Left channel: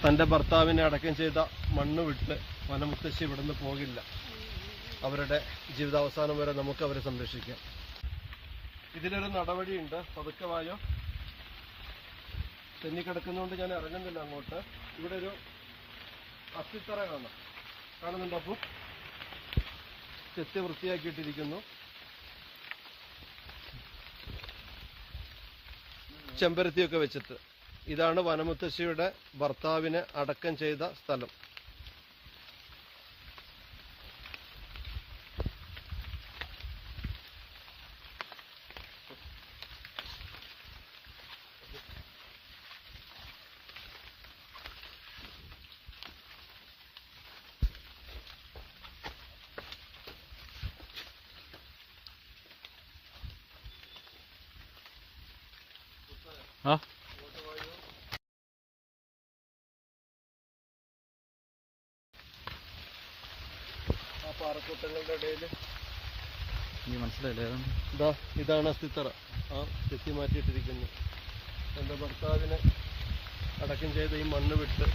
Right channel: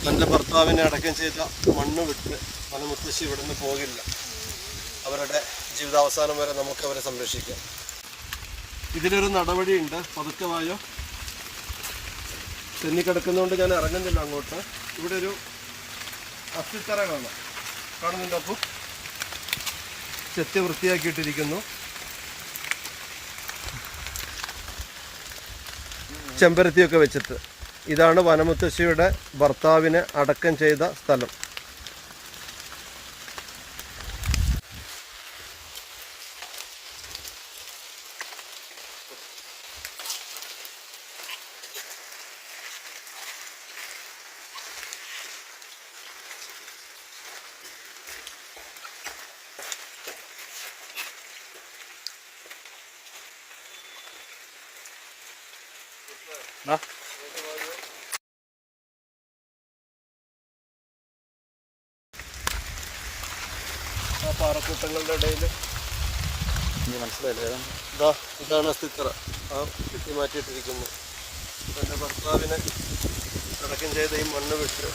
തൻ്റെ ഭർത്താവിനെ അടക്കം ചെയ്ത മണ്ണ് വിട്ട് വനമുത്തശ്ശി ഇവിടുന്ന് പോകില്ല. അവരുടെ ജീവിതാവസാനം വരെ നമുക്ക് അവരെ സംരക്ഷിക്കാം. ഇതിലൊരു നടപടിയുണ്ട്. പതുക്കെ വായോ. തെന്നിക്കിടക്കുന്നതുകൊണ്ട് ഞാൻ ഇറങ്ങുന്നില്ല അങ്ങോട്ട്. ഇവിടെ ഒരു അത്തിത്തറ കാണുന്നുണ്ട്. അപ്പോൾ ചെത്തി വൃത്തിയാക്കിയിട്ടിരിക്കുന്നു. ചെമ്പരത്തിയൊക്കെ വെച്ചിട്ട്. ഇതാണ് വനമുത്തശ്ശിയുടെ ഭർത്താവിനെ അടക്കം ചെയ്ത സ്ഥലം. ആ പാറക്കൂട്ടങ്ങളുടെ ഇടയിൽ മനസ്സിലായില്ലേ? ഇതാണ് അസ്ഥിത്തറ. കെട്ടി മാറ്റിയിട്ടിരിക്കുന്നു. തൻ്റെ ഭർത്താവിനെ അടക്കം ചെയ്ത ഈ മണ്ണ് വിട്ട്